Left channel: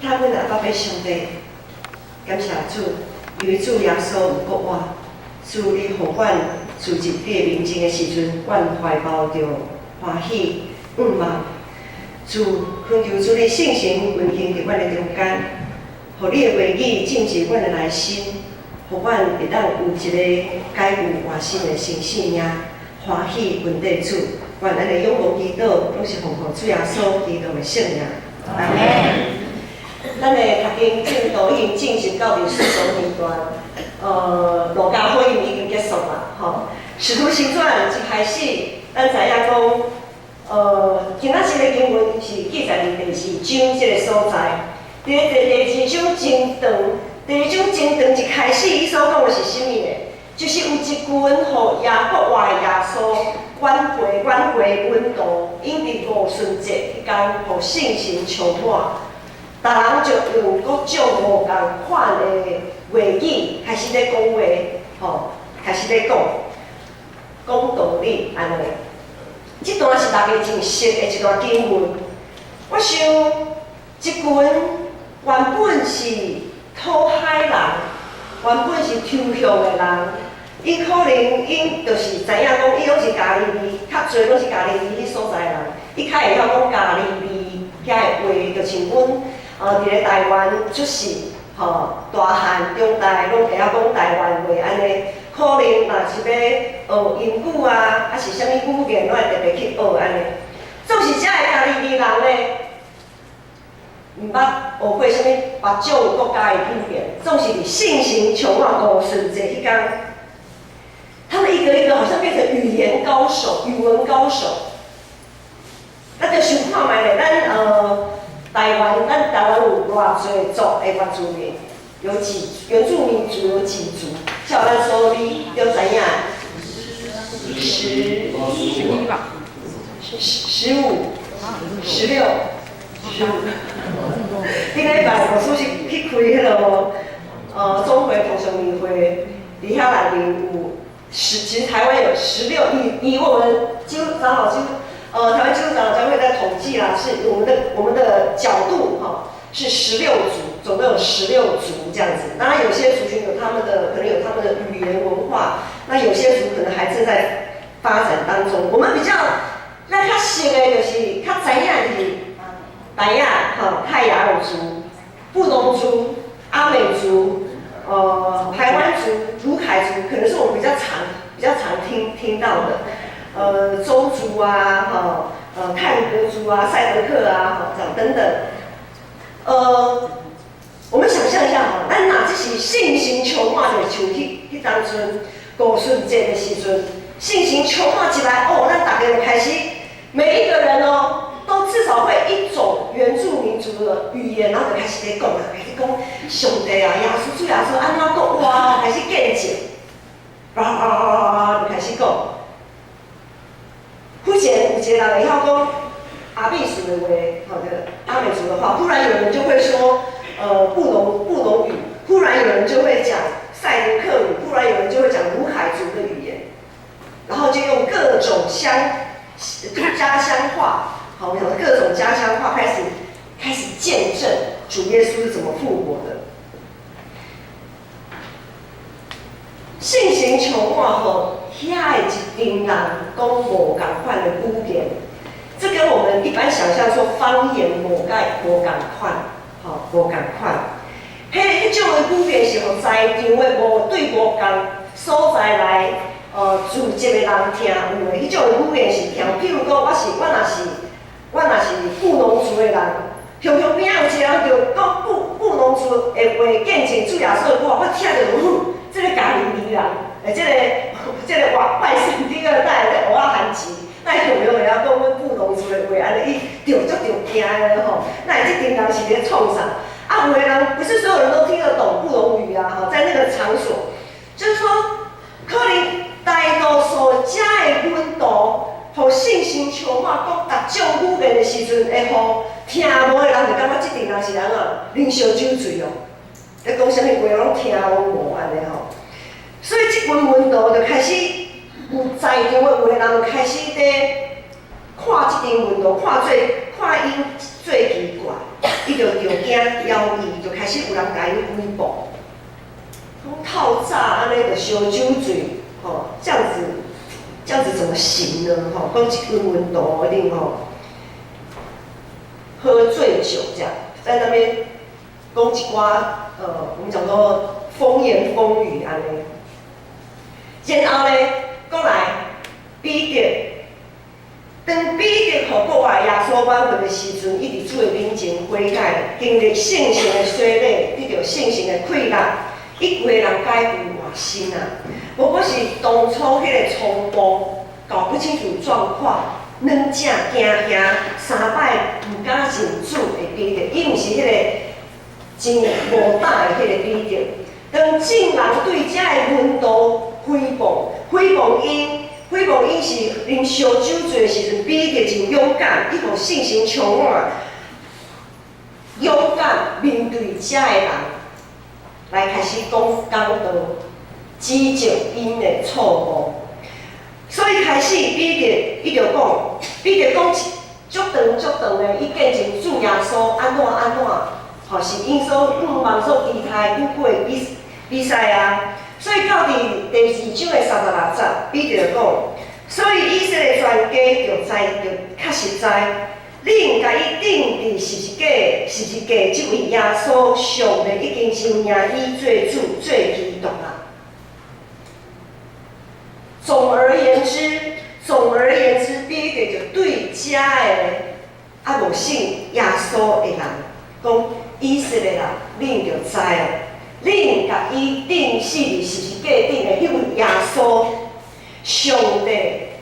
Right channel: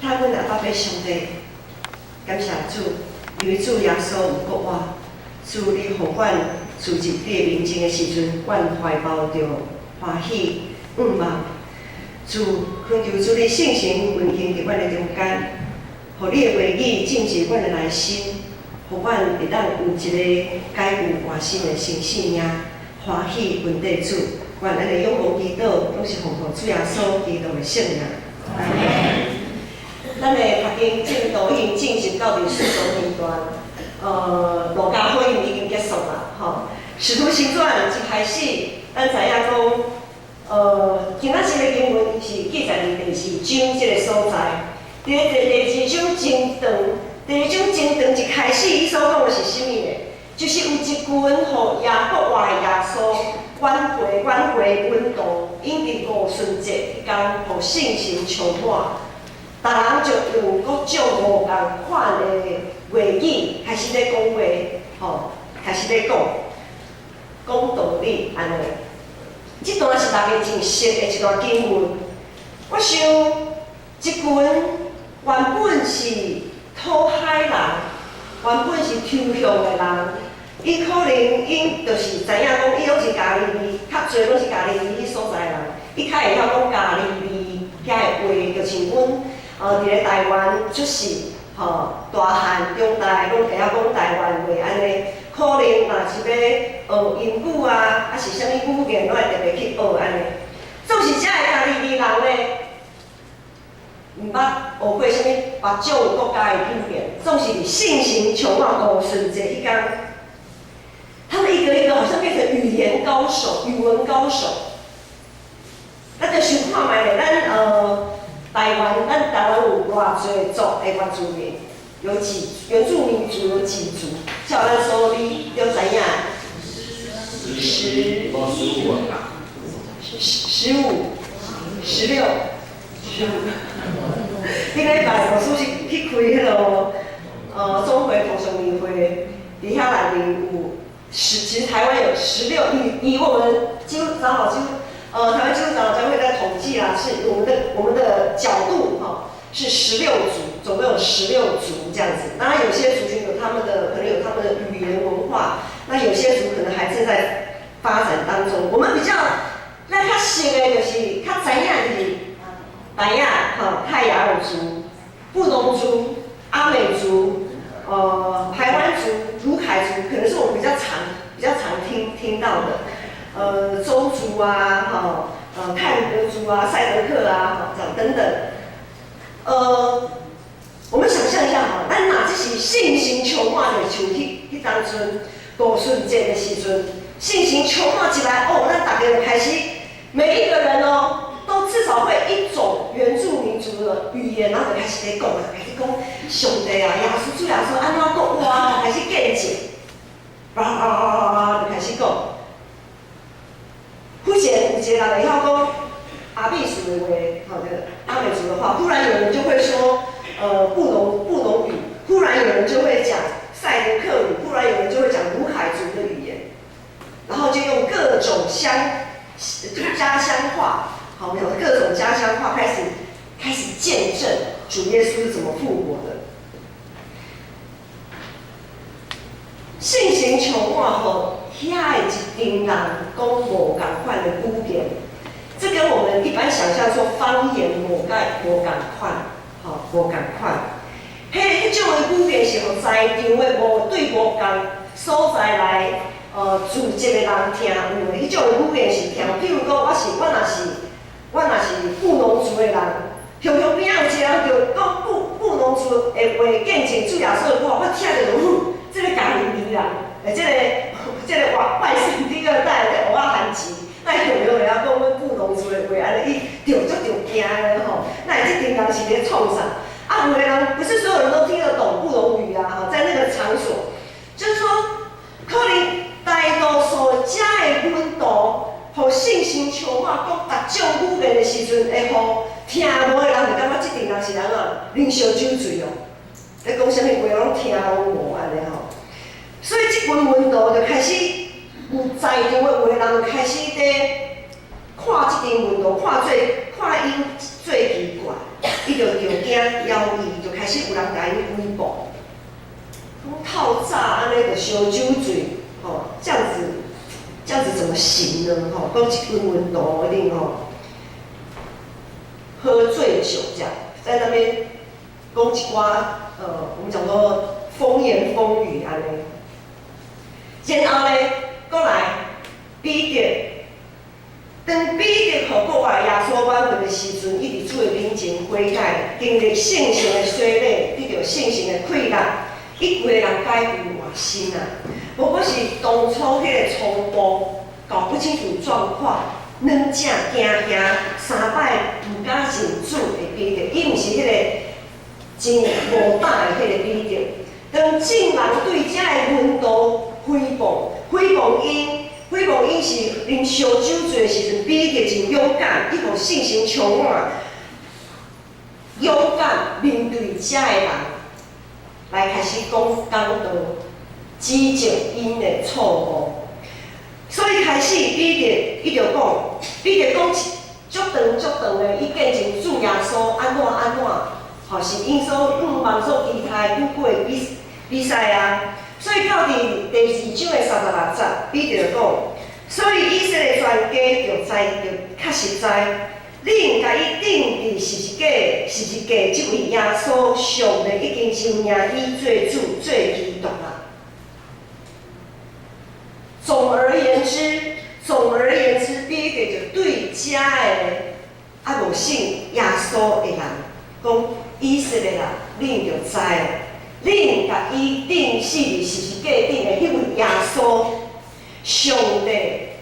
他阮阿爸要上帝，感谢主，因为主耶稣有国我，主你互阮自入你的面前的时阵，阮怀抱着欢喜盼望。主恳求主你圣神运行伫阮的中间，互你的话语进入阮的内心，互阮会当有一个改有活心的新生命，欢喜问题主。愿咱的仰望祈祷，拢是奉靠主耶稣基督的圣名。阿门。咱的读经进度已经进行到第4种年段，路加福音已经结束啦，吼。使徒行传一开始，咱知影讲，今仔日的经文是记载伫第2章这个所在。第2章真长，第2章真长一开始，伊所讲的是啥物呢？就是有一群互亚国外的耶稣。阮回温度，因伫五旬节迄天，互圣神充满，逐人就用各种无共款的话语开始咧讲话，吼，开始咧讲道理安尼。即段是大家真熟的一段经文。我想，即群原本是讨海人，原本是抽象的人。伊可能因就是知影讲，伊拢是家己味，较侪拢是家己味迄所在人。伊较会晓讲家己味遐个话，就像阮伫咧台湾出世，大汉、中大拢会晓讲台湾话安尼。可能若是要学英语啊，还是啥物语言，拢会特别去学安尼。总是遮个家己味人咧，毋捌学过啥物别种国家的语言，总是伫圣神充满五旬节迄天。他们一个一个好像变成语言高手、语文高手。咱就想看卖咧，咱台湾有偌侪族的原住民，有原住民族有几族？照咱所理就知影，15、16、15。顶礼拜老师是去开迄个中会同学年会，伫遐内面有。其实台湾有16，以我们基督长老台湾基督长老教会在统计啦，是我们的角度是16族，总共有16族这样子。当然有些族群有他们的可能有他们的语言文化，那有些族可能还正在发展当中。我们比较咱较熟的就是较知影就是台亚泰雅尔族、布农族、阿美族。排湾族、卢凯族可能是我们比较常听到的，周族啊，泰鲁格族啊、赛德克啊，这样等等。我们想象一下咱若这是圣神充满的，像迄当阵五旬节的时阵，圣神充满起来，咱大家就开始，每一个人都至少会一种原住民族的语言，然后就开始咧讲啦，开始讲上帝啊、耶稣主耶稣安怎讲哇，开始见证，就开始讲。忽然有一个人会晓讲阿美族的话，阿美族的话，忽然有人就会说布农语，忽然有人就会讲赛德克语，忽然有人就会讲卢凯族的语言，然后就用各种家乡话。各种家乡话开始见证主耶稣是怎么复活的。圣神充满后，遐的一群人讲无共款的语言，这跟我们一般想象说方言无共款，无共款。迄种的语言是互在场的无共所在来住一个人听有的，迄种的语言是听。譬如讲，我若是布农族的人，常常边仔有一个人就讲布农族的话见证主耶稣的话，我听着这个家己味人，这个外省第二代的蚵仔韩籍，那有没有晓讲阮布农族的话，安尼伊着惊的吼？那这群人是咧创啥？有的人不是所有人都听得懂布农语啊，在那个场所，就是说，可能大多数遮的温度。互圣神充满，讲逐种语言的时阵，会互听无的人就感觉即阵人是人啉烧酒醉咧讲啥物话拢听拢无安尼吼。所以即群温度就开始有在场的有的人就开始咧看即阵温度，看伊最奇怪，伊就惊，枵伊，就开始有人甲伊诽谤，讲透早安尼就烧酒醉，这样子怎么行呢？讲一根温度一定喝醉酒这样，在那边讲一寡我们讲说风言风语安尼。然后咧，过来彼得，当彼得互国外耶稣挽回的时阵，伊伫主的面前悔改，经历圣神的洗礼，得到圣神的馈赠，伊规个人改变换新啊！无过是当初迄个初步搞不清楚状况，软正惊吓3摆毋敢认主的彼得，伊毋是迄个真无胆的迄个彼得。当众人对遮的温度诽谤因是啉烧酒醉的时阵，彼得真勇敢，伊互信心充满，勇敢面对遮的人，来开始讲道，指正因的错误。所以开始彼得伊就讲，彼得讲足长的，伊见证主耶稣安怎，是因所望所期待久久的比赛啊。所以到第2章的36节，彼得就讲，所以以色列全家就较实在，你应甲伊定义是一个即位耶稣，上帝已经承认伊做主、做基督啦。总而言之，彼得就对遮的无信耶稣的人讲，以色列人，恁就知哦。恁甲伊定是一假定的迄位耶稣，上帝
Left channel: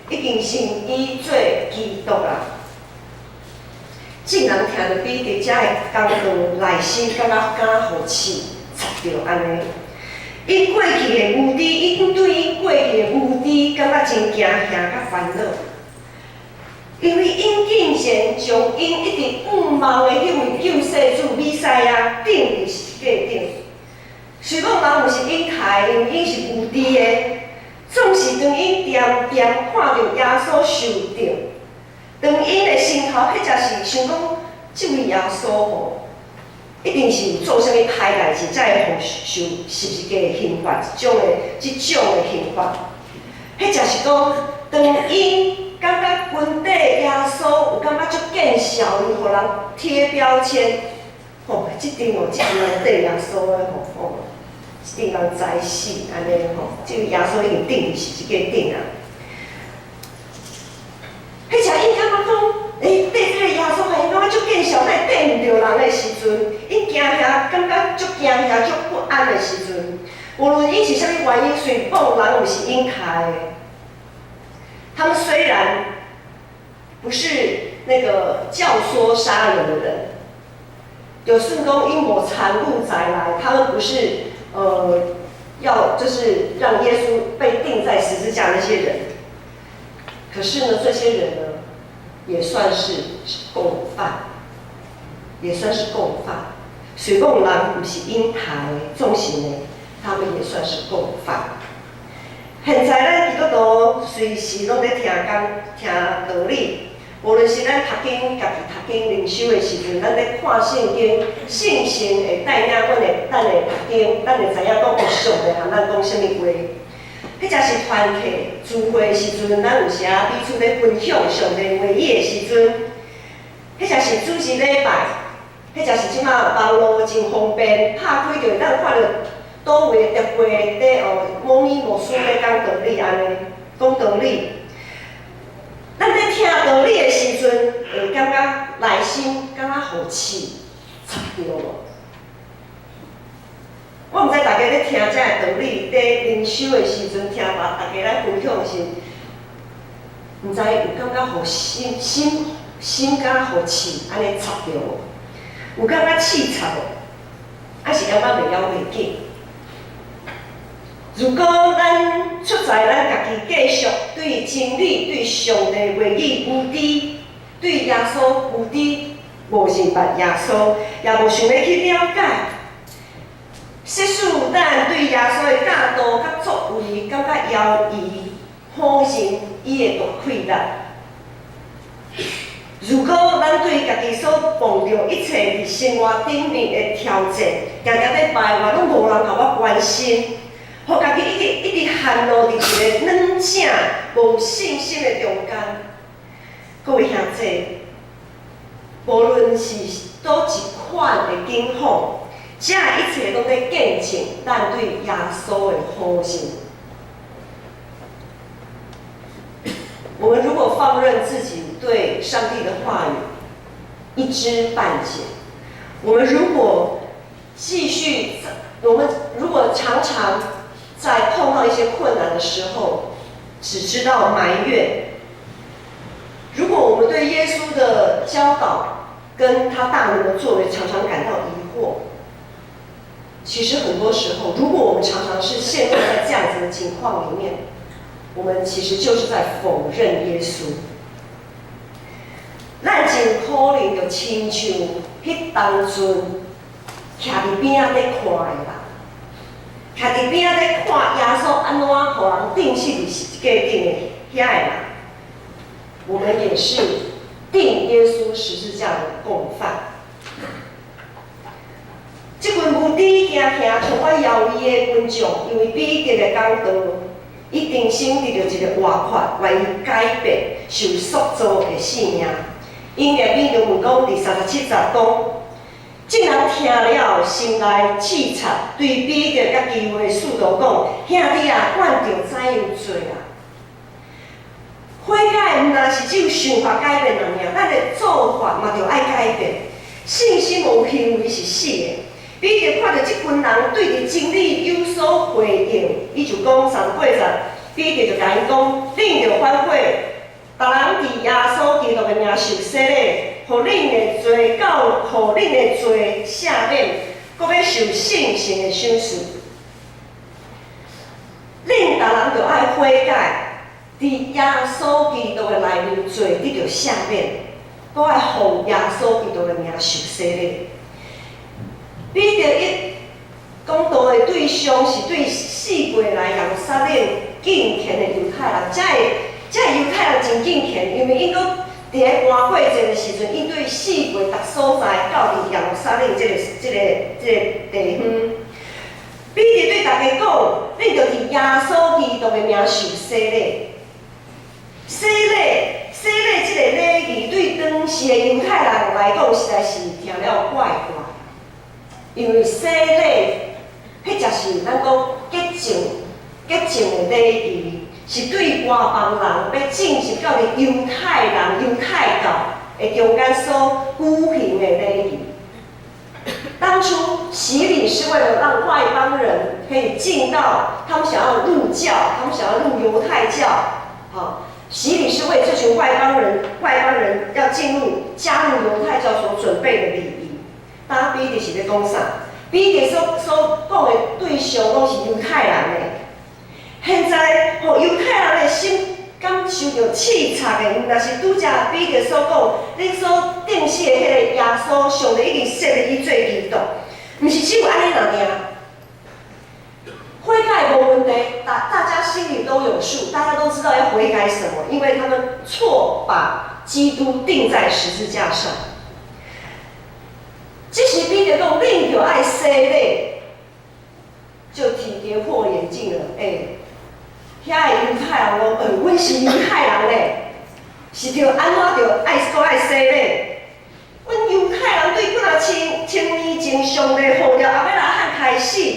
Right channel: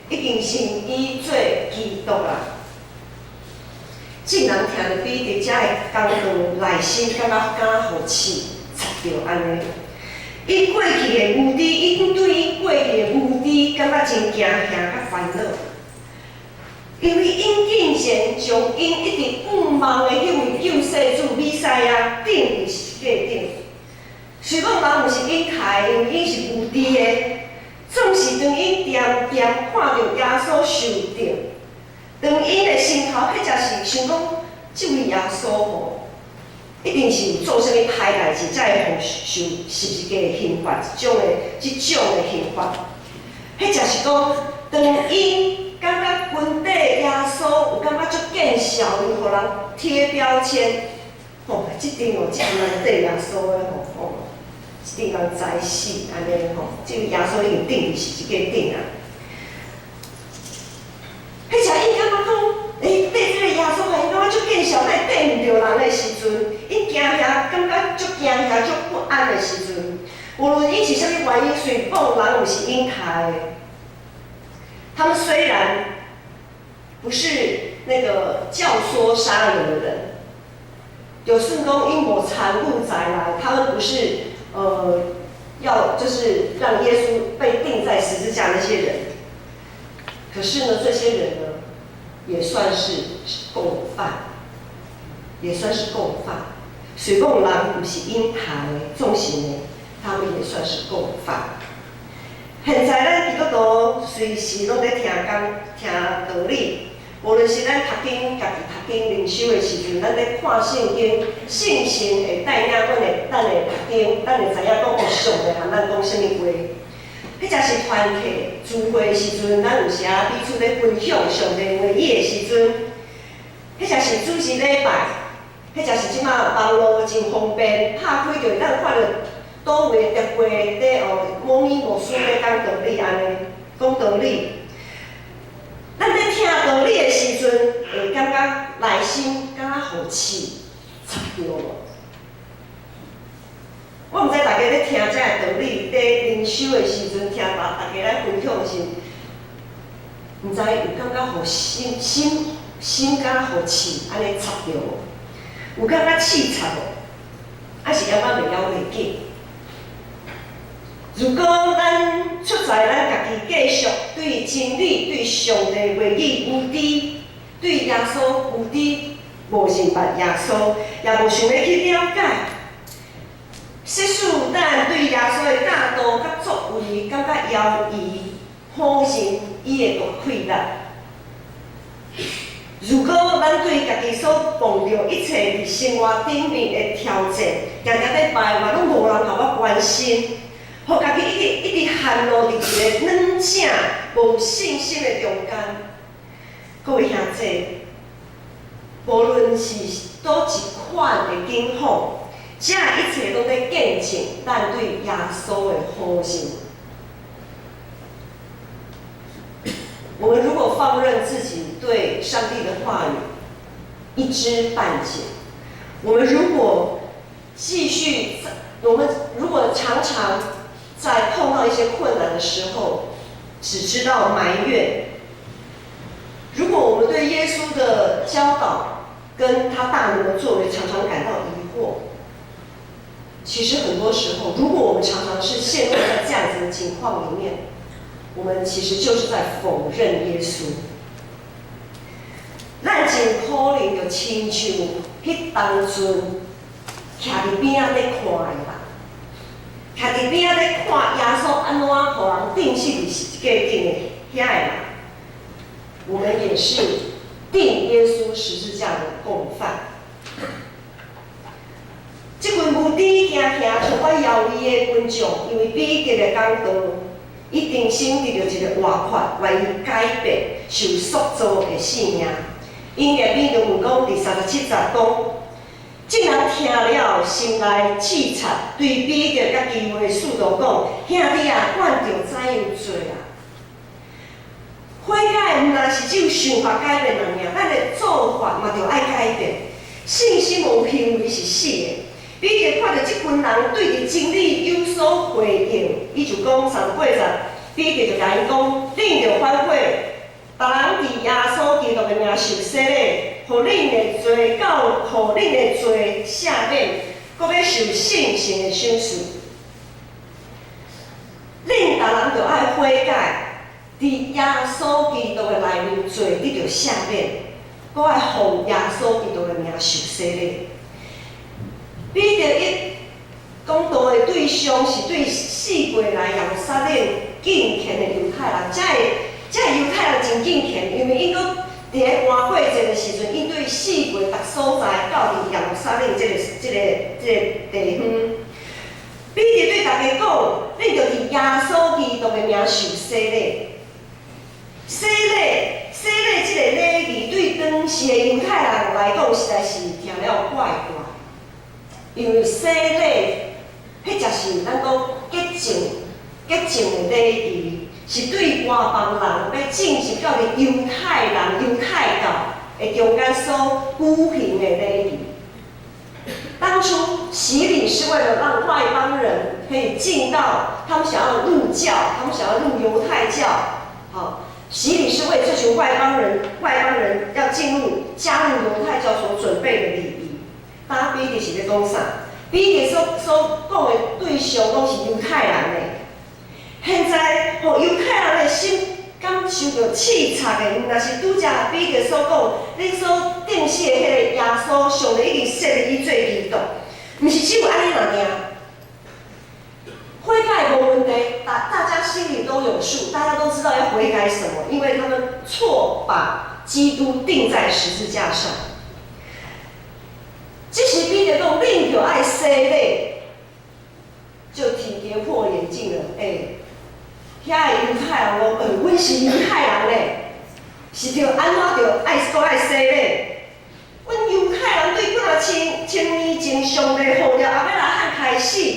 已经承伊做基督啦。众人听到彼得遮的讲道，内心感觉敢好气，插着安尼。伊过去的无知，伊对伊过去的无知感觉真惊吓甲烦恼，因为因竟然将因一直仰望的迄位救世主弥赛亚定义是假定。虽讲人毋是因害，因为因是无知的，总是当因点看到耶稣受定，当因的心头迄才是想讲，即位耶稣一定是有做啥物歹代志，才会受十字架的刑罚，即种的刑罚。迄才是讲，当因感觉军底耶稣有感觉足见效，伊互人贴标签，即阵内底耶稣的一定人知死安尼即个耶稣已经定是一个定啊。迄才因感觉讲，对这个耶稣还因感觉足见效，但对毋着人的时阵，因惊吓，感觉足惊吓、足不安的时阵，无论因是啥物原因，随讲人毋是因害的。他们虽然不是那个教唆杀人的人，有顺讲因无残酷才来，他们不是。要就是让耶稣被钉在十字架那些人，可是呢，这些人呢，也算是共犯，虽讲人不是因害的，总是呢，他们也算是共犯。现在咱基督徒随时拢在听道理。无论是咱读经，家己读经灵修的时阵，咱咧看圣经，圣神会带领咱会读经，咱会知影讲有上帝和咱讲啥物话。迄才是团契聚会的时阵，咱有时啊彼此咧分享上帝话语的时阵，迄才是主日礼拜，迄才是即马网络真方便，拍开就会当看到倒位特会咧无年无书咧讲道理安尼，讲道理。咱在听道理的时阵，会感觉内心感觉好气，插着无？我毋知大家咧听这个道理，咧灵修的时阵，听大家来分享是，毋知有感觉好心感好气，安尼插着无？有感觉气插无？还是感觉袂了袂紧？如果咱出在咱家己继续对真理、对上帝话语无知，对耶稣无知，无认捌耶稣，也无想要去了解，实使咱对耶稣的教导甲作为感觉犹疑，否认伊的大气力。如果咱对家己所碰到一切伫生活顶面的挑战，常常咧排外，拢无人甲我关心，互家己一直陷落伫一个软正、无信心的中间。各位兄弟，无论是倒一款的境况，这一切拢在见证咱对耶稣的好心。我们如果放任自己对上帝的话语一知半解，我们如果常常在碰到一些困难的时候，只知道埋怨，如果我们对耶稣的教导跟他大能的作为常常感到疑惑，其实很多时候，如果我们常常是陷入在这样子的情况里面，我们其实就是在否认耶稣。咱真可能就亲像迄当阵徛伫边仔咧看的人，徛伫边仔咧看耶稣安怎互人钉死伫十字架顶的遐个人，我们也是钉耶稣十字架的共犯。这群无知行充满妖异的群众，因为彼得的讲道，伊定心得到一个活法，为伊改变受塑造的性命。因入面就问讲第37节讲，众人听了心内刺插，对彼得甲其余的使徒讲：兄弟啊，阮着怎样做啊？悔改毋但是只有想法改变人尔，咱的做法嘛着爱改变。信心无行为是死的。彼得看到这群人对着真理有所回应，伊就讲38节，彼得就甲因讲：恁着反悔，逐人伫耶稣基督的名受洗礼，互恁的罪互恁的罪赦免，搁要受圣神的赏赐。恁逐人着爱悔改，伫耶稣基督的内面罪得到赦免，搁爱奉耶稣基督的名受洗礼。彼得一讲道的对象是对四过来耶路撒冷敬虔的犹太人，这犹太人真敬虔，因为因搁伫咧搬过节的时阵，因对四过逐所在到伫耶路撒冷这个地方。彼得对大家讲，恁着伫耶稣基督的名受洗礼。洗礼这个礼仪对当时的犹太人来讲，实在是听了怪怪。因为洗礼，迄就是咱讲洁净的礼仪，是对外邦人要进入到伫犹太教的中间所举行的礼仪。当初洗礼是为了让外邦人可以进到他们想要入教，他们想要入犹太教，洗礼是为这群外邦人要加入犹太教所准备的礼仪。当彼得是咧讲啥？彼得所讲的对象拢是犹太人的。现在，犹太人的心感受到刺插的，毋但是拄则彼得所讲，恁所定死的迄个耶稣，上帝已经设立伊做基督，毋是只有安尼尔。悔改无问题，大家心里都有数，大家都知道要悔改什么，因为他们错把基督钉在十字架上。这时彼得讲，恁着爱洗礼，就挺跌破眼镜了。遐个犹太人讲，阮是犹太人嘞，是着安怎着爱洗礼？阮犹太人对本来千年前上帝呼召亚伯拉罕开始，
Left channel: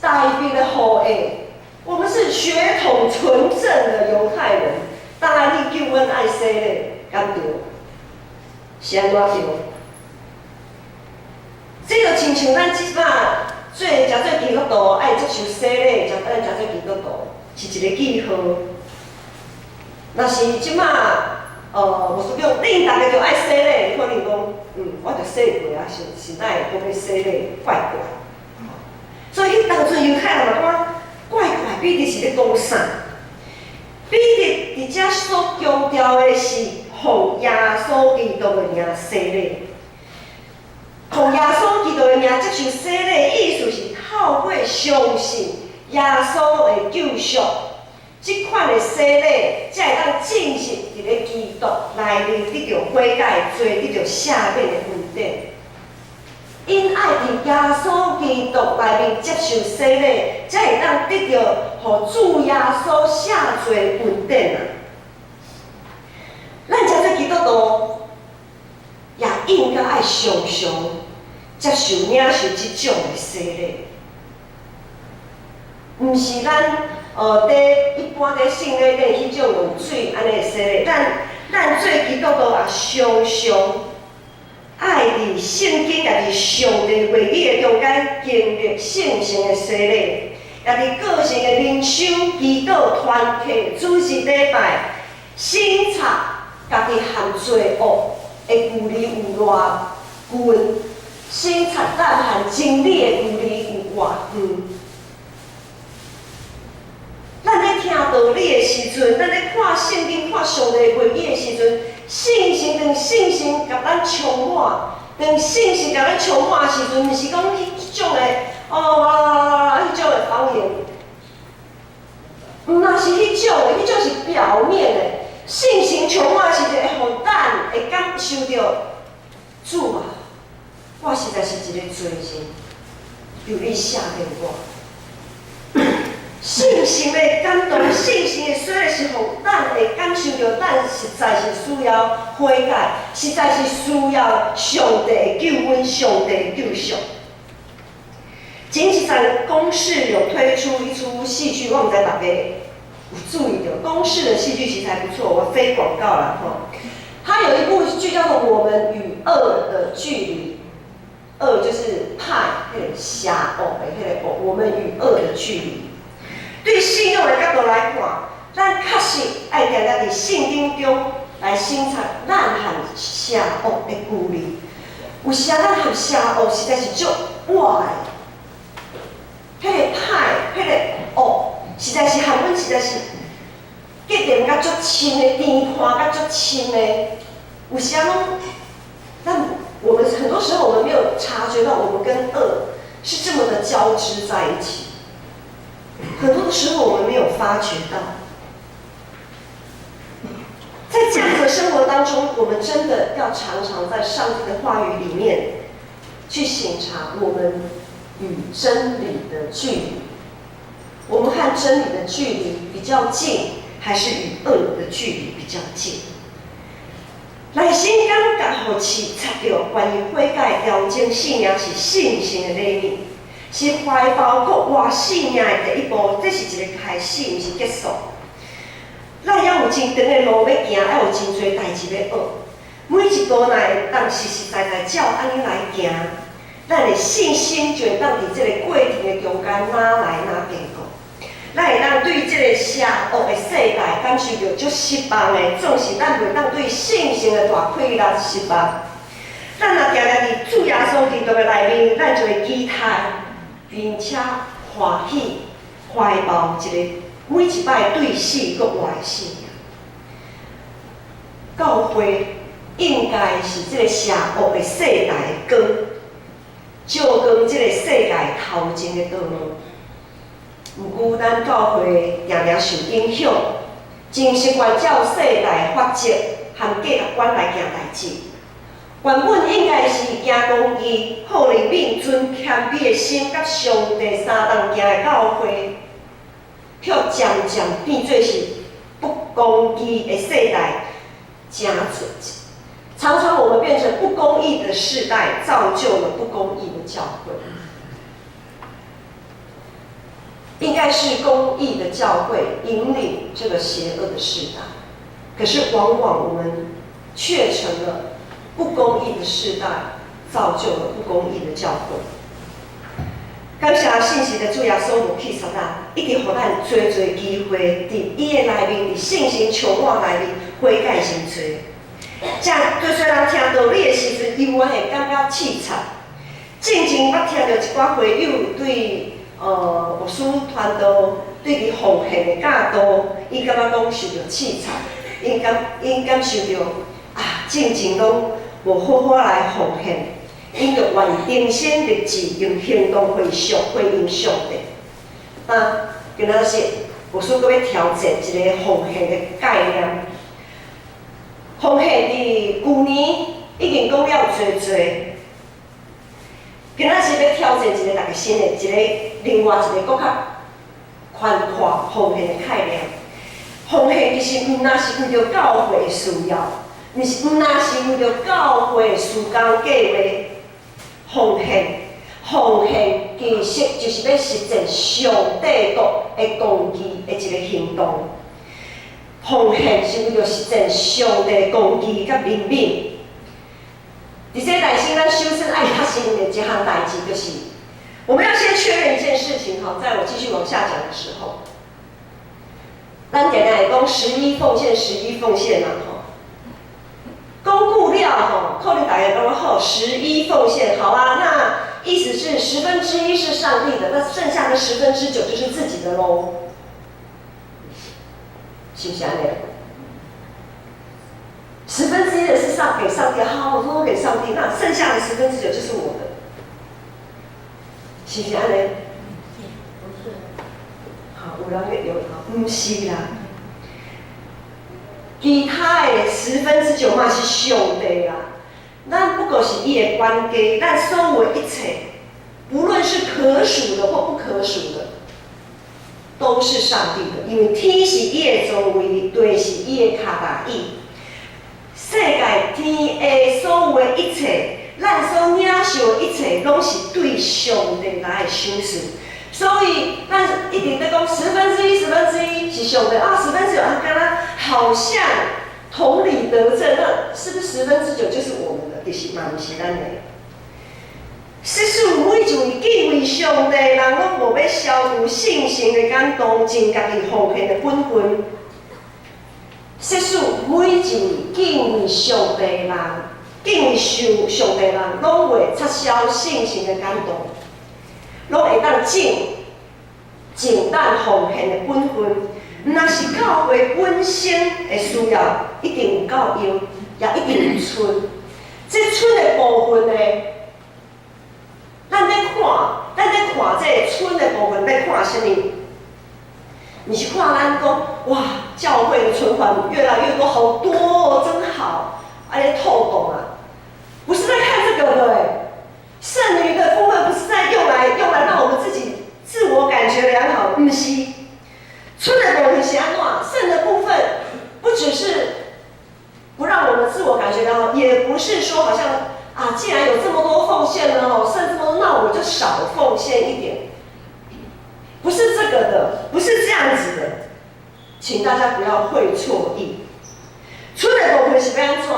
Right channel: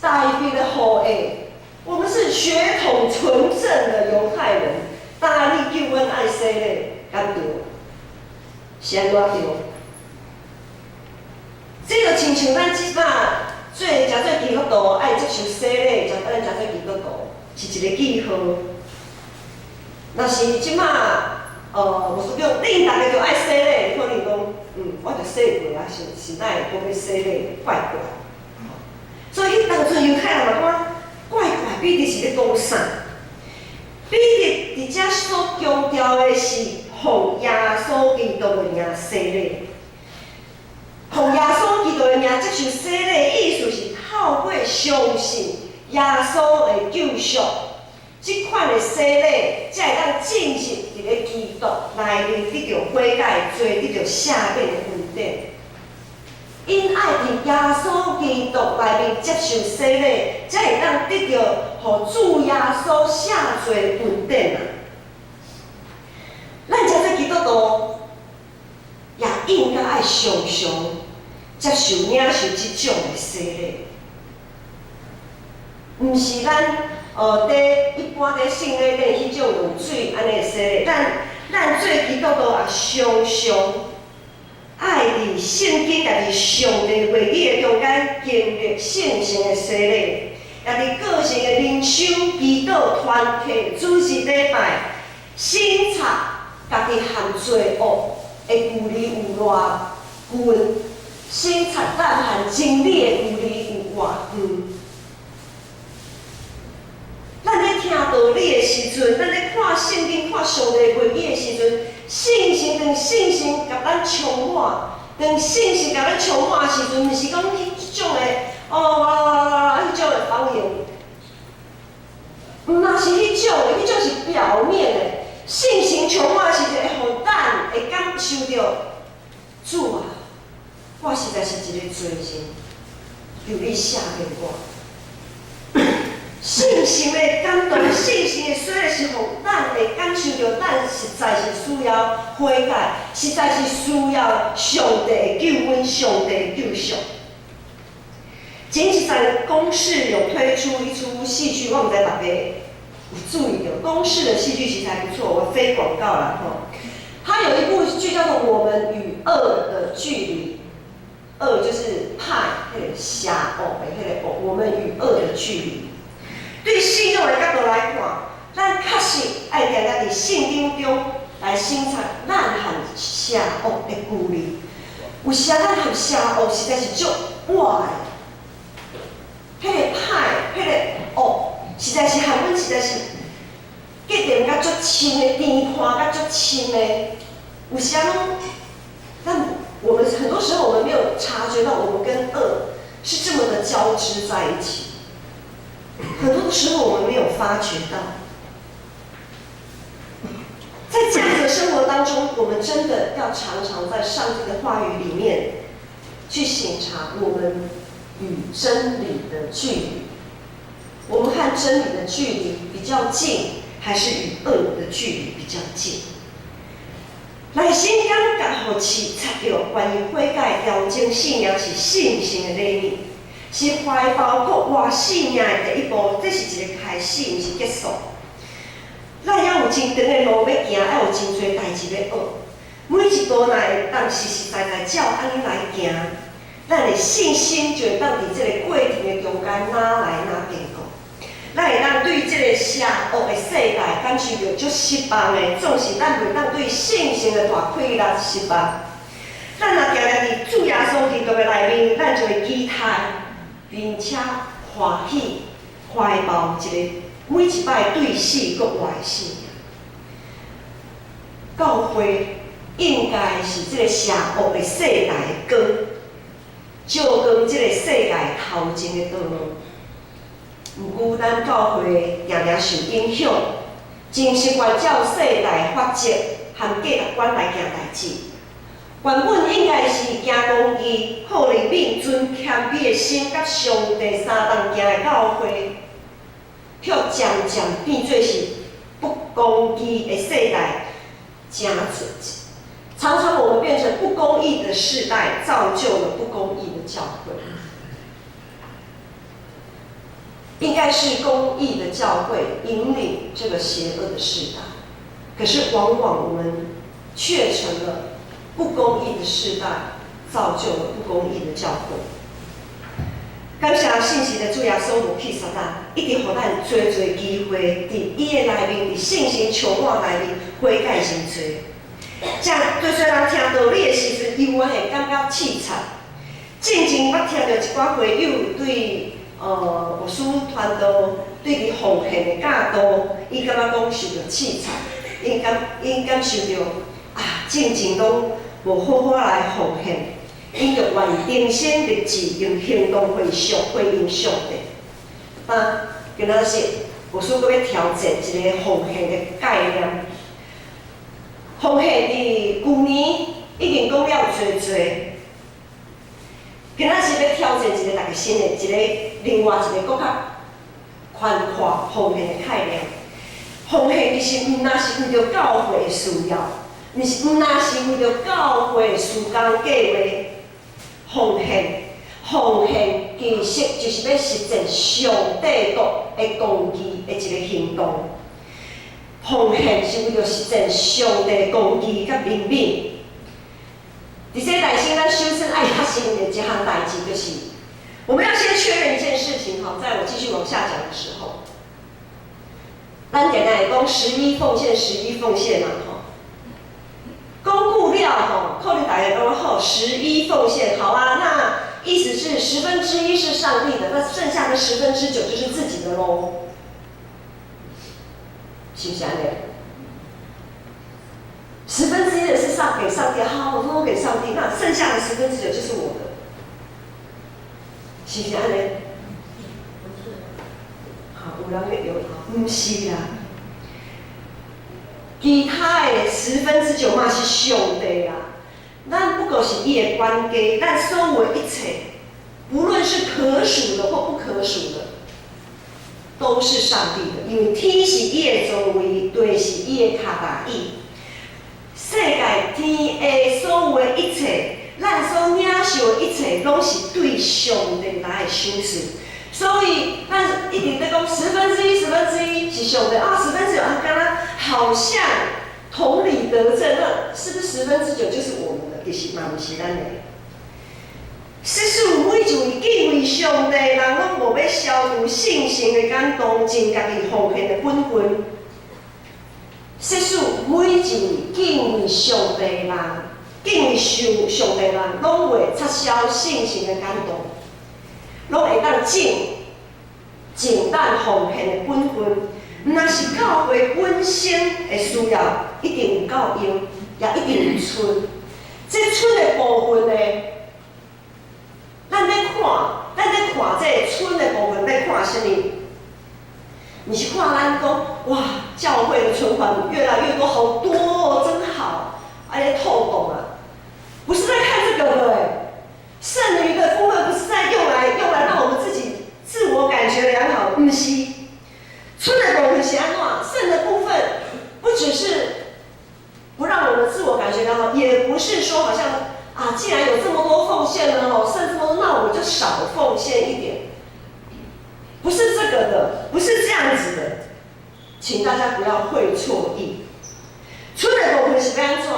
代表的后裔，我们是血统纯正的犹太人。当然，你叫阮爱洗礼，敢对？是安怎对？这就亲像咱即摆做基督徒爱接受洗礼，咱做基督徒是一个记号。若是即摆无说叫恁大家就爱洗礼，可能讲我着洗过啊，是哪会讲要洗礼，怪怪。所以当阵犹太人嘛讲怪怪，彼得是咧讲啥？彼得伫遮所强调的是奉耶稣基督的名洗礼。奉耶稣基督的名接受洗礼，意思是透过相信耶稣的救赎，即款的洗礼，才会当进入伫咧基督内面得到悔改，罪得到赦免的恩典。因爱伫耶稣基督内面接受洗礼，才会当得到互主耶稣赦罪恩典啊！咱遮做基督徒，也应该爱常常接受领受即种的洗礼，毋是咱一般伫圣礼顶迄种用水安尼洗礼，咱做基督徒也常常爱伫圣经家己上帝话语的中间经历圣性的洗礼，也伫个性的灵修、祈祷、团契、主日礼拜，省察家己含罪恶的距离有偌远，省察咱含真理的距离有偌远。咱咧听道理的时阵，咱咧看圣经、看上帝话语的时阵，信心甲咱充满，当信心甲咱充满的时阵，毋是讲迄种的迄种的方言，毋若是迄种的，迄种是表面的。信心充满的时阵，会互咱会感受到主啊，我实在是一个罪人，求你赦免我。信心的感动，信心的水是互咱会感受到，咱实在是需要悔改，实在是需要上帝的救恩、上帝的救赎。前一阵公视有推出一出戏剧，我毋知大家有注意到，公视的戏剧其实还不错，我非广告啦吼。它有一部剧叫做《我们与恶的距离》，恶就是派迄个邪恶的迄个恶，我们与恶的距离。对信仰的角度来看，咱确实爱定定伫圣经中来省察咱含邪恶的距离。有时咱含邪恶实在是足歪的，迄个歹、迄个恶，实在是含阮实在是结连甲足深的，甜看甲足深的。有时拢，我们很多时候我们没有察觉到，我们跟恶是这么的交织在一起。很多的时候我们没有发觉到，在这样的生活当中，我们真的要常常在上帝的话语里面去省察我们与真理的距离。我们和真理的距离比较近，还是与恶的距离比较近？内心感觉互试察到关于悔改调整信仰是信心的礼物。是怀抱搁活信仰的第一步，这是一个开始，毋是结束。咱要有真长的路要行，要有真侪代志要学。每一步若会当实实在在照安尼来行，咱的信心就会当伫这个过程的中间哪来哪变固。咱会当对这个邪恶的世代感受到足失望的，总是咱袂当对信心的大溃烂失望。咱若定定伫主耶稣基督的内面，咱就会期待。并且欢喜怀抱一个每一摆对死搁活的信仰。教会应该是这个邪恶的世代的光，照光这个世界头前的道路。毋过，咱教会常常受影响，真习惯照世代法则和价值观来行代志。原本应该是行公义、好灵敏、存谦卑的心，甲上帝相同行的教会，却渐渐变做是不公义的世代，常常我们变成不公义的世代，造就了不公义的教会。应该是公义的教会引领这个邪恶的世代，可是往往我们却成了不公义的世代，造就了不公义的教会。感谢信息的主耶稣无去杀咱，一直互咱多多机会，伫伊的内面，伫信心充满内面悔改认罪。这对虽人听道理的时阵，伊有会感觉凄惨。正前捌听到一寡会友对牧师传道对伊奉献的教导，伊感觉讲受到凄惨，因感受到正前拢无好好来奉献。因着愿意定心立志，用行动回应上帝。今仔日牧师阁要调整一个奉献的概念。奉献伫旧年已经讲了侪侪，今仔日要挑战一个大家新的一个另外一个更较宽阔奉献的概念。奉献其实毋单是为着教会的需要，毋单是为着教会的事工计划。奉献其实就是要实践上帝的公义的一个行动。奉献是为了实践上帝的公义甲明明。伫这内心，咱首先爱发生的一项代志，就是我们要先确认一件事情哈，在我继续往下讲的时候，咱简单来讲，11奉献啦吼。公布了吼，可能大家讲好11奉献，好啊，那意思是1/10是上帝的，那剩下的9%就是自己的喽。是不是安尼？1/10的是给上帝，好，我都给上帝，那剩下的9%就是我的，是不是安尼？不是。好，有人有，不是啦。其他的9%嘛是上帝啦，咱不过是伊的管家，咱所有一切，无论是可数的或不可数的。都是上帝的，因为天是伊的座位，地是伊的脚踏椅。世界天的所有的一切，咱所领受的一切，拢是对上帝来的赏赐。所以，咱一定在讲1/10是上帝啊，1/10啊，敢若好像同理得证，那是不是9%就是我们的？其实嘛，不是咱的。实属每一位敬畏上帝的人，拢无要消除信心的感动，尽家己奉献的本分。实属每一位敬畏上帝的人，敬畏上帝的人，拢袂撤销信心的感动，拢会当尽咱奉献的本分。若是教会本身的需要，一定有够用，也一定有剩。这剩的部分呢？咱在看这村的部分，在看什么？你是看咱讲，哇，教会的存款越来越多，好多哦，真好，透懂啊！不是在看这个的剩余的部分不是在用来让我们自己自我感觉良好，不是。村的部分是安怎？剩的部分不只是不让我们自我感觉良好，也不是说好像。啊，既然有这么多奉献了哦，剩这么多，那我就少奉献一点。不是这个的，不是这样子的，请大家不要会错意。剩的部分是要安怎？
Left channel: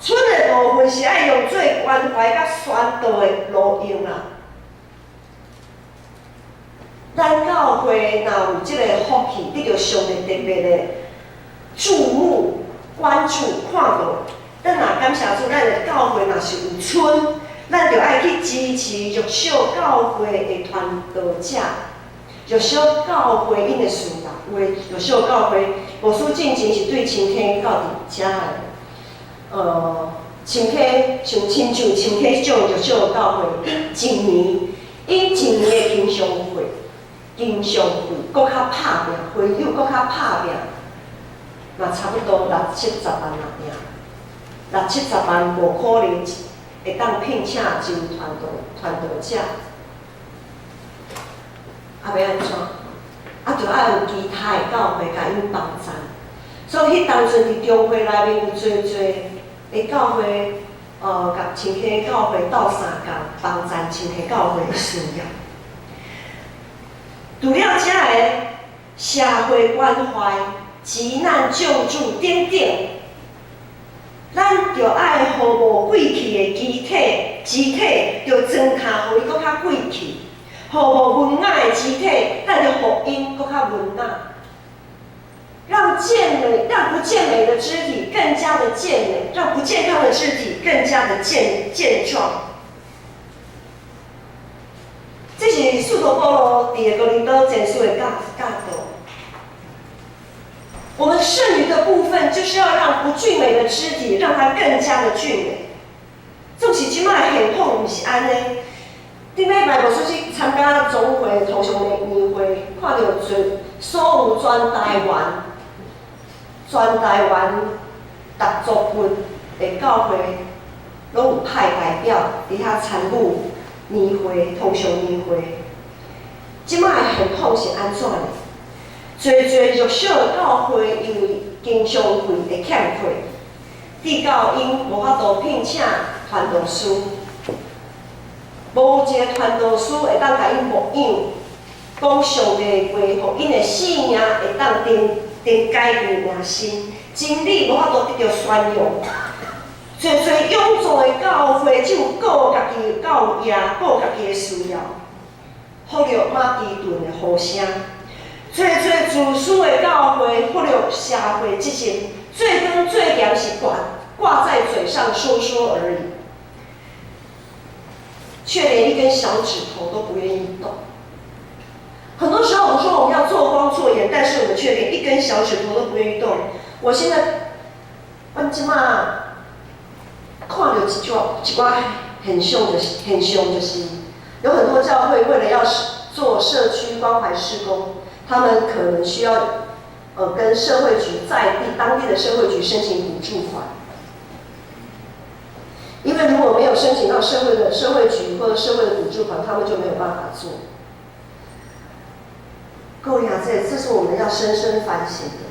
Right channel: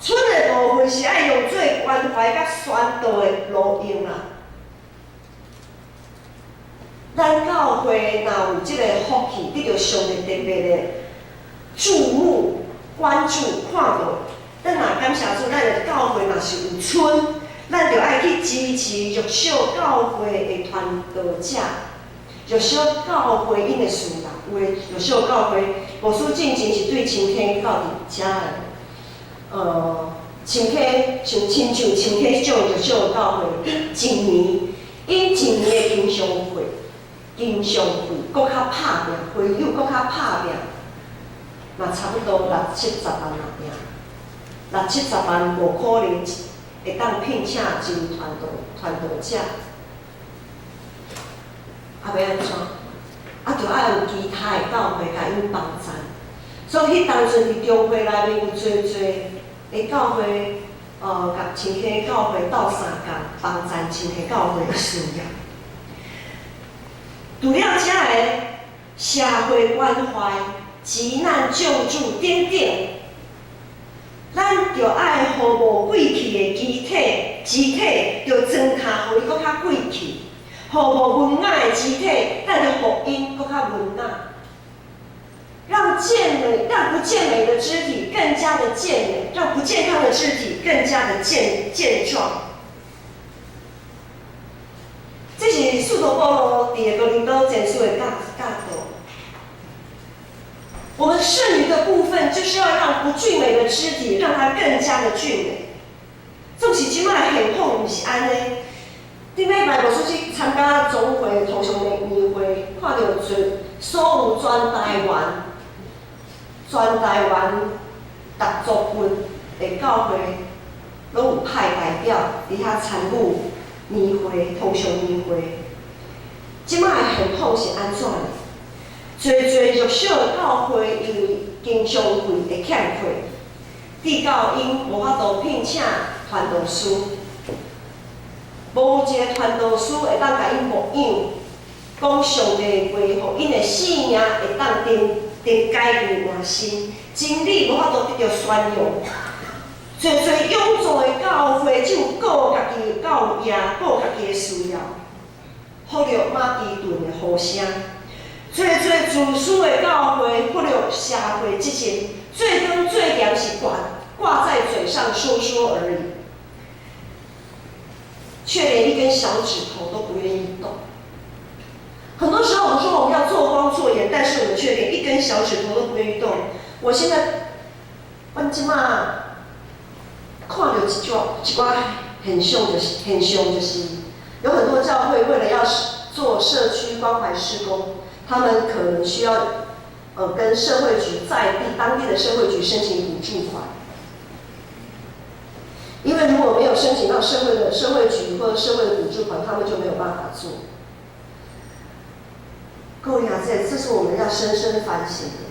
剩的部分是要用最关怀甲宣导的路用啦。咱教会若有这个福气，得到上帝特别的注目、关注、看到。咱若感谢主，咱的教会若是有剩，咱就爱去支持弱小教会的传道者，弱小教会因的事啦。有的弱小教会，牧师进前是对青溪到伫遮的，青溪像亲像青溪这种弱小教会，因一年的经常费，搁较拍拼，会友搁较拍拼，嘛差不多60-70万人尔。60-70万无可能会当聘请真传道者，要安怎？就要有其他的教会甲因帮衬。所以迄当阵伫中会内面有侪的教会，甲青溪教会斗相共帮衬青溪教会的需要。除了遮个社会关怀、急难救助等等。咱就爱互无贵气的肢体，就装卡互伊搁较贵气；互无文雅的肢体，咱就互因搁较文雅。让不健美的肢体更加的健美，让不健康的肢体更加的健壮。这是使徒保罗伫个哥林多前书的教导。我们剩余的部分，就是要让不俊美的肢体，让它更加的俊美。纵使即摆现况毋是安尼，顶礼拜牧师去参加总会同乡的年会，看到所有全台湾各族群的教会，拢有派代表伫遐参与年会、通常年会。即摆的现况是安怎呢？侪弱小的教会因为经常费会欠费，致到因无法度聘请传道师，无一个传道师会当甲因牧养，讲上帝话，互因的性命会当改变换新，真理无法度得到宣扬。侪永驻的教会只有顾家己的教业，顾家己的需要，忽略马其顿的呼声。侪自私的教会忽略社会责任，最根最严是挂在嘴上说说而已，却连一根小指头都不愿意动。很多时候我们说我们要做光做盐，但是我们却连一根小指头都不愿意动。我现在，我即马看到一寡很凶的是，有很多教会为了要做社区关怀事工，他们可能需要跟社会局当地的社会局申请补助款，因为如果没有申请到社会局或者社会的补助款，他们就没有办法做。各位啊，这是我们要深深反省的。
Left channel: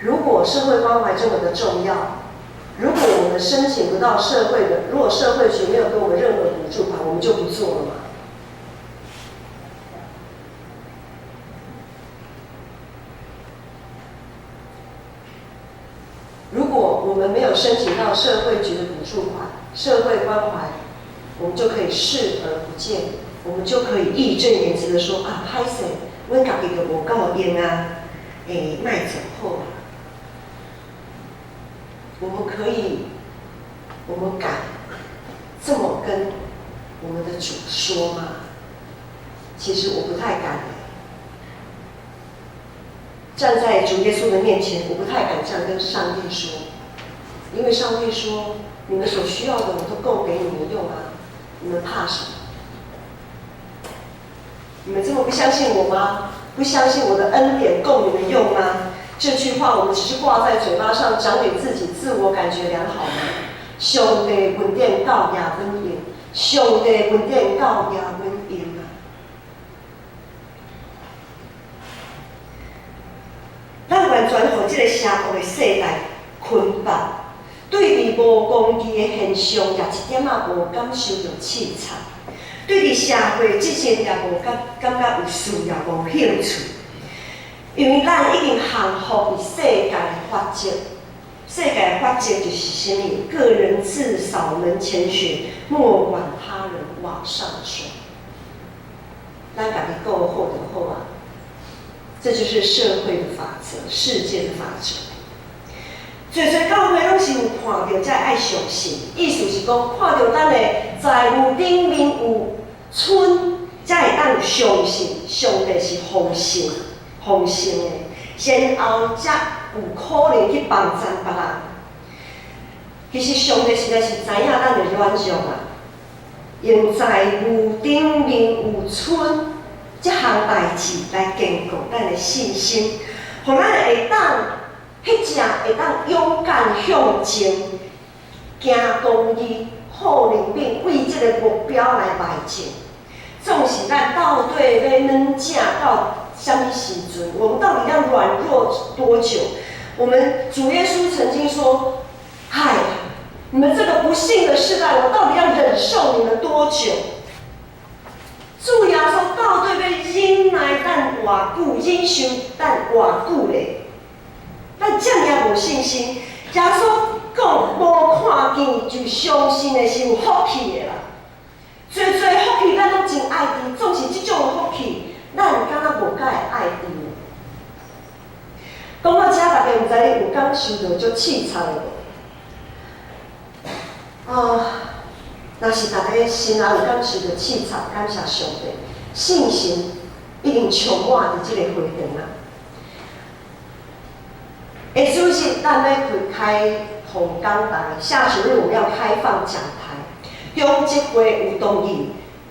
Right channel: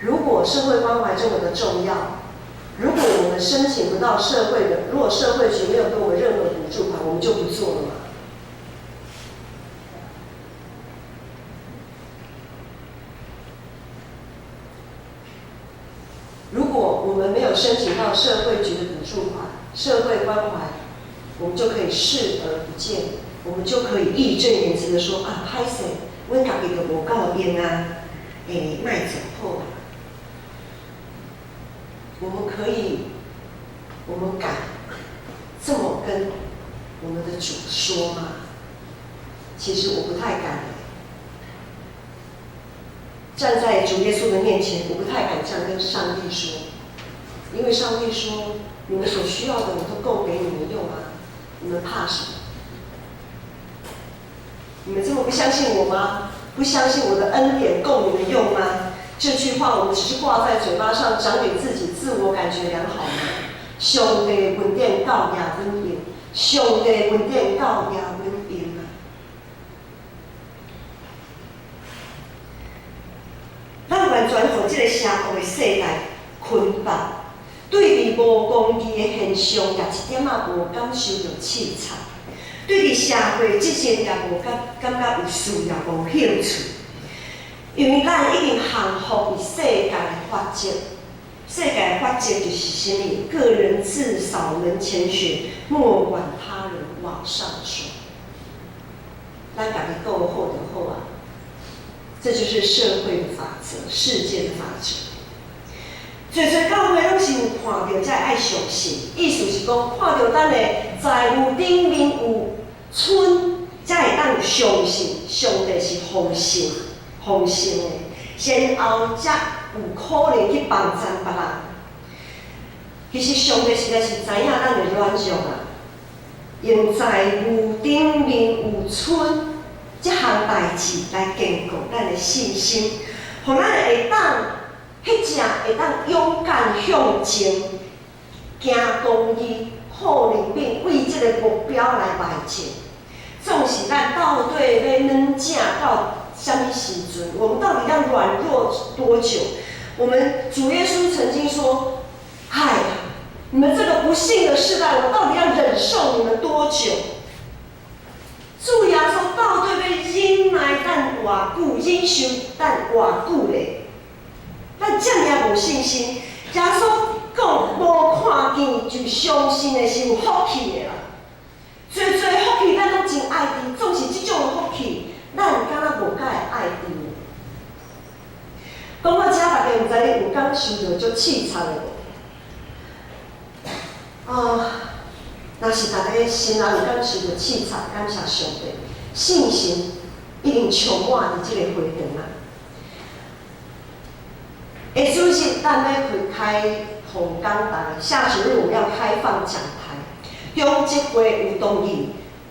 如果社会关怀这么的重要，如果我们申请不到社会的，如果社会局没有给我们任何补助款，我们就不做了嘛。如果我们没有申请到社会局的补助款、社会关怀，我们就可以视而不见，我们就可以义正言辞的说啊，歹势，阮家己就无够用啊，莫走好啊。我们敢这么跟我们的主说吗？其实我不太敢。站在主耶稣的面前，我不太敢这样跟上帝说，因为上帝说，你们所需要的我都供给你们用啊，你们怕什么？你们这么不相信我吗？不相信我的恩典供你们用吗？这句话我们只是挂在嘴巴上，讲给自己自我感觉良好吗？上帝恩典教也阮用，上帝恩典教也阮用啊！咱完全互这个社会的世代捆绑，对伫无公义的现象也一点仔无感受到凊彩，对伫社会责任也无感觉有需要、无兴趣。因为咱已经降服于世界的法则，世界的法则就是什么？个人自扫门前雪，莫管他人瓦上霜。咱家己顾好就好啊，这就是社会的法则，世界的法则。侪教会拢是有看到才爱相信，意思是讲看到咱的财务顶面有村，才会当相信上帝是丰盛的，然后才有可能去帮助别人。其实上帝实在是知影咱的软弱啊，用财务顶面有村这项代志来坚固咱的信心，互咱会当迄只会当勇敢向前，行公义、好人品，为这个目标来迈进。纵使咱到底要软正到什么时阵？我们到底要软弱多久？我们主耶稣曾经说：“嗨，你们这个不幸的世代，我到底要忍受你们多久？”主耶稣到底要忍耐咱偌久，忍受咱偌久咧？咱这么无信心，耶稣讲无看见就相信的是有福气的啦。最福气咱拢真爱伫，总是这种的福气，咱敢若无甲会爱伫。讲到这，大家毋知你有感受到足凄惨的无？若是大家心内有感受到凄惨，感谢上帝，信心一定充满伫这个会堂啊。下周日咱要开同讲台，下周日我们要开放讲台。中职会有同意，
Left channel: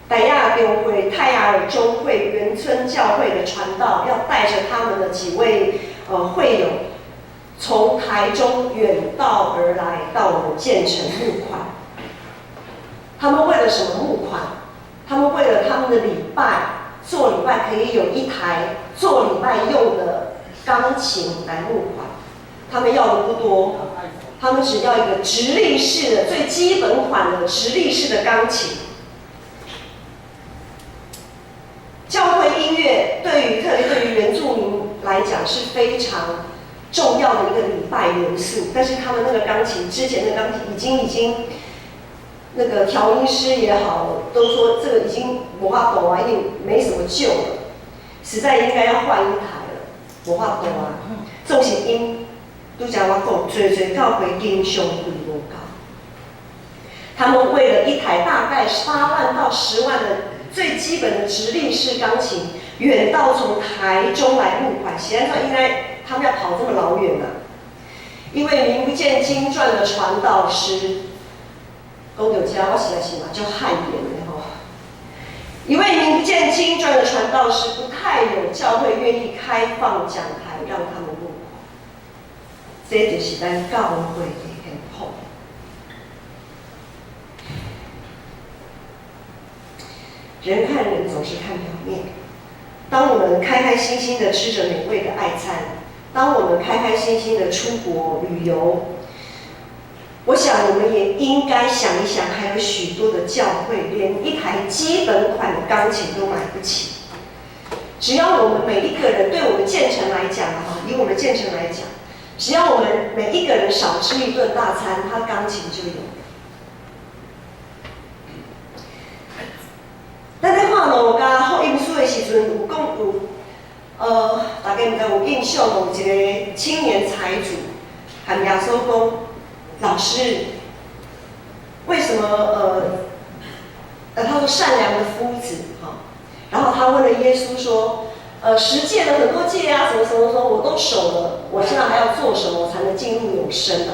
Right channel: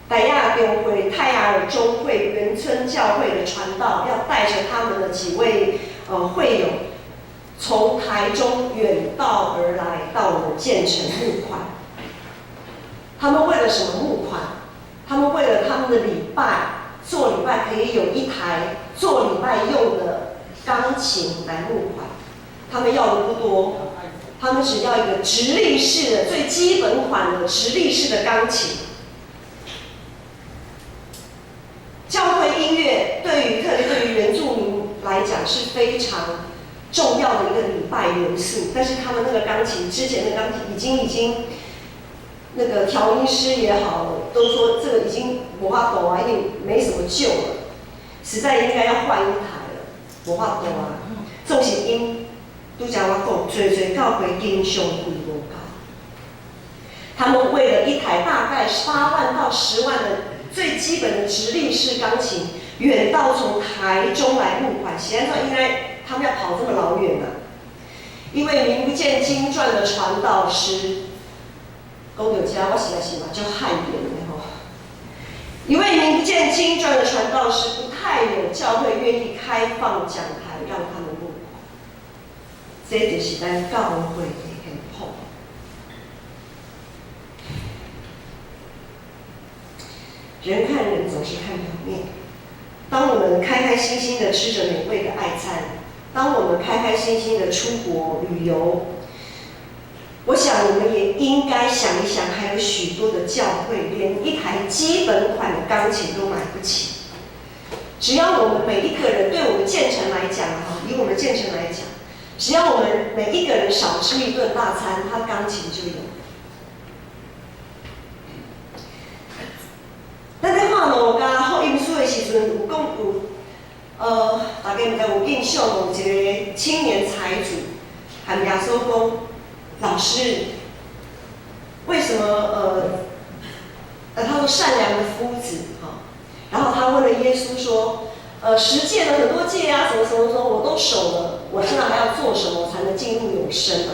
傣亚中会、泰雅尔中会、原村教会的传道，要带着他们的几位会友，从台中远道而来，到我们建成募款。他们为了什么募款？他们为了他们的礼拜，做礼拜可以有一台做礼拜用的钢琴来募款。他们要的不多，他们只要一个直立式的最基本款的直立式的钢琴。教会音乐特别对于原住民来讲是非常重要的一个礼拜元素，但是他们那个钢琴之前的钢琴已经那个调音师也好，都说这个已经没法度啊，已经没什么救了，实在应该要换一台了，没法度啊。这种是因拄才我讲，最教会经常贵无够。他们为了一台大概8万到10万的最基本的直立式钢琴，远道从台中来募款。显然说，应该他们要跑这么老远啊，因为名不见经传的传道师。讲到这，我实在是嘛就汗颜的吼。一位名不见经传的传道师，不太有教会愿意开放讲台让他们募款，这就是咱教会的现况。人看人总是看表面。当我们开开心心的吃着美味的爱餐，当我们开开心心的出国旅游。我想，我们也应该想一想，还有许多的教会连一台基本款的钢琴都买不起。只要我们每一个人，对我们建成来讲以我们建成来讲，只要我们每一个人少吃一顿大餐，他钢琴就有。咱在看路加福音书的时阵，有讲大家唔知有印象无？一个青年财主，和耶稣讲。老师，为什么他说善良的夫子然后他问了耶稣说，十戒的很多戒啊，什么什么什么我都守了，我现在还要做什么才能进入永生啊？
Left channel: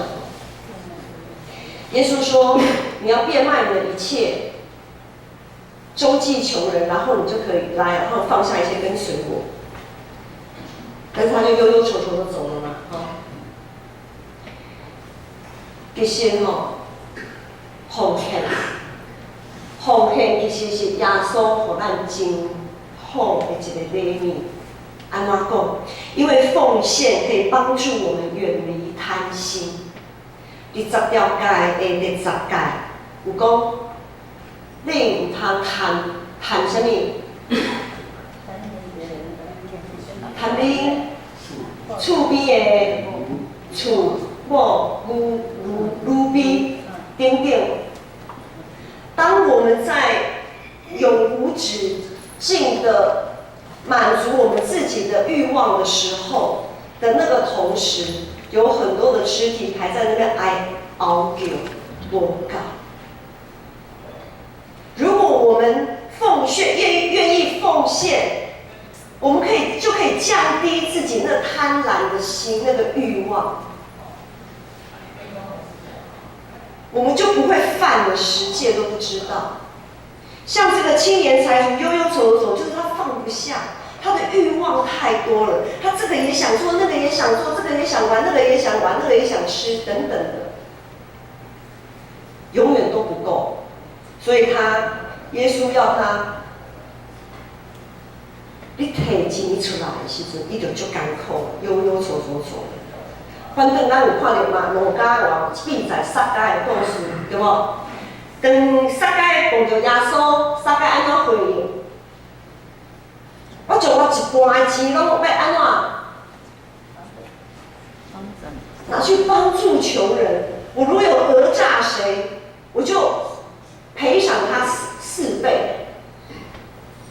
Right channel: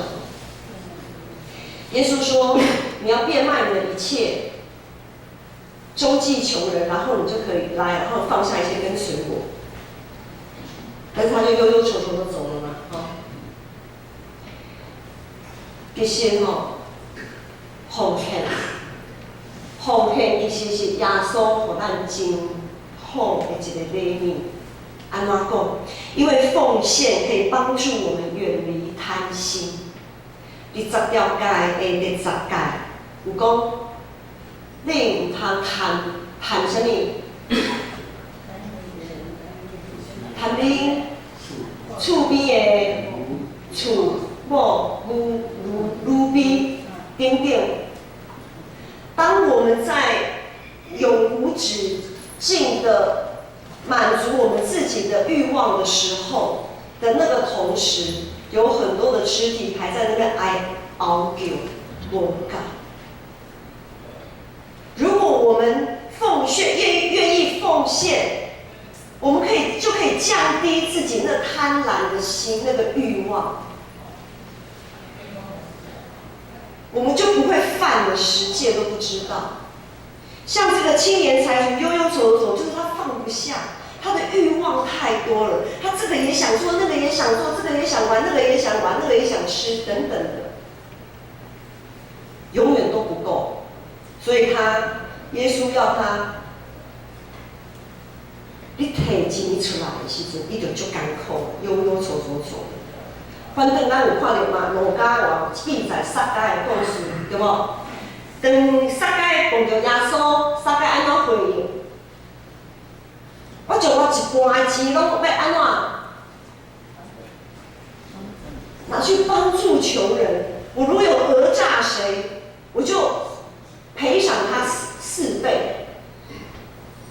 耶稣说，你要变卖你的一切，周济穷人，然后你就可以来，然后放下一切跟随我。但是他就悠悠愁愁的走了嘛，其实奉献其实是耶稣给咱真好的一个礼物。安怎讲？因为奉献可以帮助我们远离贪心。20条戒的第10戒有讲，你唔通贪什么？贪你厝边的厝某女婢等等。当我们在永无止境的满足我们自己的欲望的时候的那个同时，有很多的肢体还在那边熬叫我告。如果我们愿意奉献，我们就可以降低自己那贪婪的心，那个欲望，我们就不会犯了10戒都不知道。像这个青年财主悠悠走，就是他放不下，他的欲望太多了，他这个也想做，那个也想做，这个也想玩，那个也想玩，那个也想吃，等等的，永远都不够。所以耶稣要他，你摕钱出来的时阵，你就足艰苦，悠悠走。反正咱有看到嘛，路加有记载撒该的故事，对无？当撒该碰到耶稣，撒该安怎回应？我将我一半的钱拢要安怎？拿去帮助穷人。我如有讹诈谁，我就赔偿他4倍。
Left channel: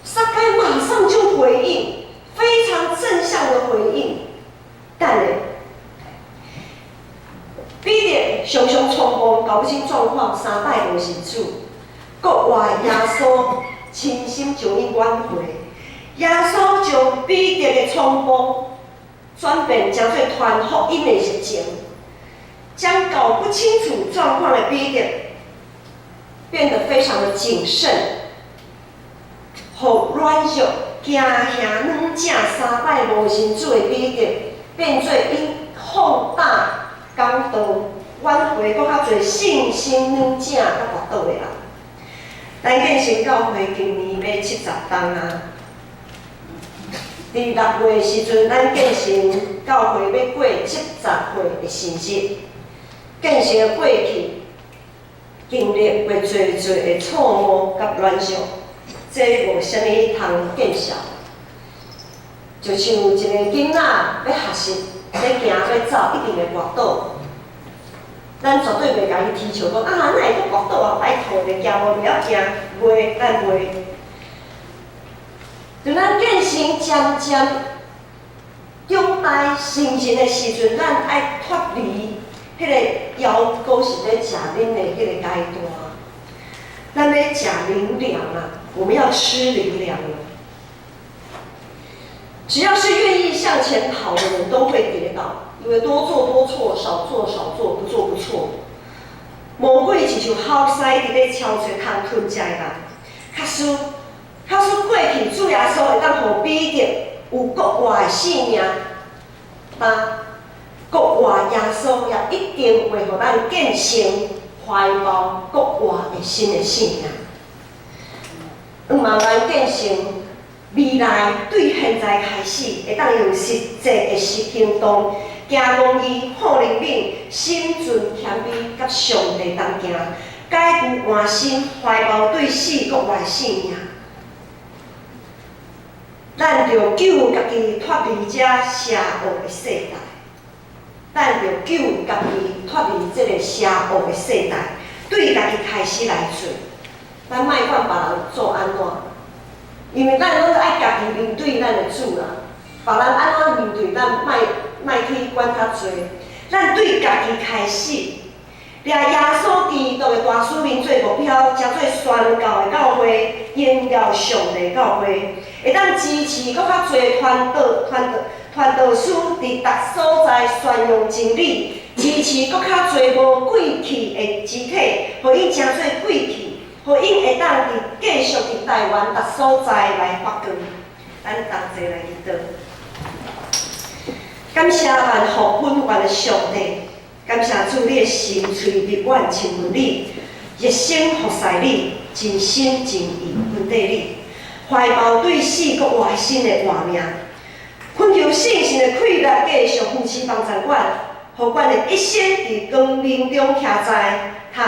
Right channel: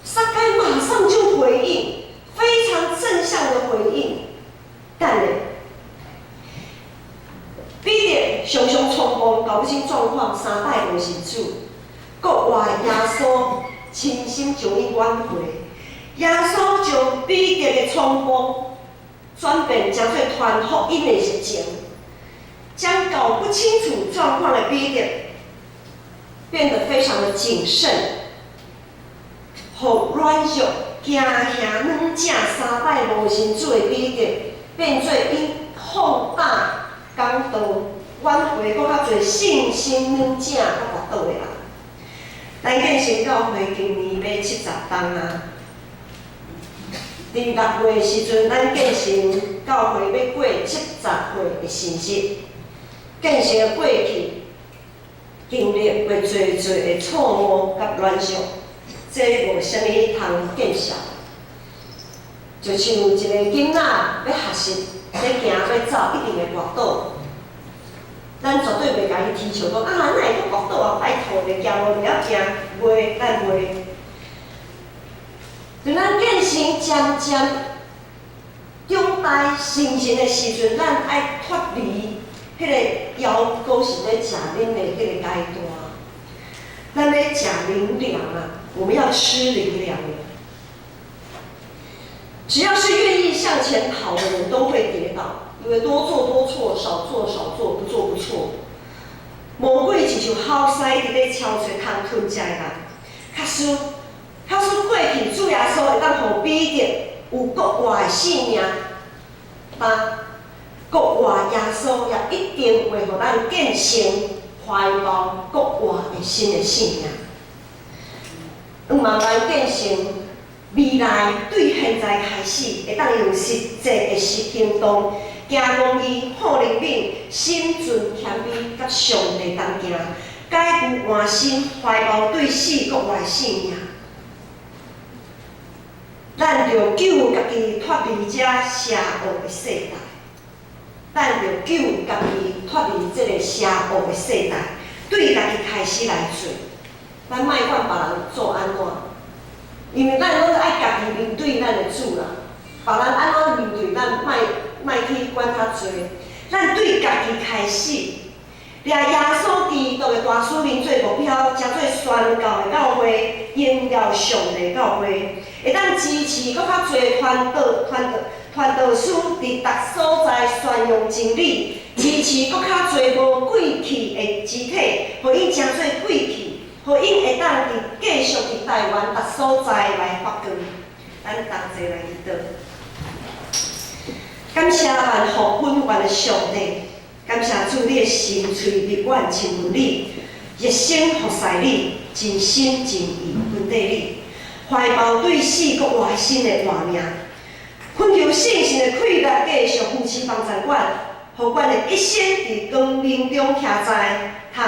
撒该马上就回应，非常正向的回应，但彼得常常匆忙，搞不清状况，3摆都是主，国外耶稣亲心将伊挽回。耶稣将彼得的匆忙转变成做传福音的热情，将搞不清楚状况的彼得变得非常的谨慎，互软弱、惊吓软正三摆无神主的彼得，变做因放大讲道，挽回搁较侪信心软正甲跋倒的人。咱建成教会今年要70冬啊！伫6月时阵，咱建成教会要过70岁的生日。建成的过去，经历过侪侪的错误甲软弱，这无啥物通见笑。就像一个囡仔要学习，要行要走，一定会滑倒。咱绝对袂甲伊提倡讲啊，哪会阁滑倒啊？拜托咧，行无袂晓行，袂，咱袂。就咱建成渐渐长大成人的时阵，咱爱脱离迄个腰果是咧食恁的迄个阶段。咱要食灵粮啊，我们要吃灵粮了。只要是愿意向前跑的人，都会跌倒。因为多做多错，少做少做，不做不错。魔鬼是像好狮伫咧敲找通吞食的人。假使过去主耶稣会当互彼得有国外的性命，但国外耶稣也一定会互咱建成怀抱国外的新的性命。望咱建成未来对现在开始会当用实际的行动。行公义、好灵敏、心存谦卑，甲上帝同行，解决换心，怀抱对死国外性命。咱着救家己脱离这邪恶的世代，咱着救家己脱离这个邪恶的世代，对家己开始来做。咱莫管别人做安怎，因为咱拢爱家己面对咱的主啦。别人安怎面对咱，莫去管较济，咱对家己开始，掠耶稣基督的大使命做目标，才做宣教的教会，荣耀上帝教会，会当支持搁较济传道师伫逐所在宣扬真理，支持搁较济无贵气的肢体，互因诚做贵气，互因会当继续伫台湾逐所在来发光。咱同齐来祈祷。感谢万福本源的上帝，感谢主你的心喙日愿亲近你，热心服侍你，真心真意分地你，怀抱对死国外新的活命，恳求信心的气力继续扶持帮助阮，互阮的一生伫光明中徛在，通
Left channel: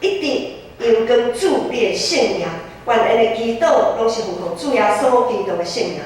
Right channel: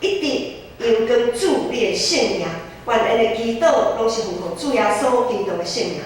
一直荣光主你的圣名。愿恩的祈祷拢是奉靠主耶稣基督的圣名。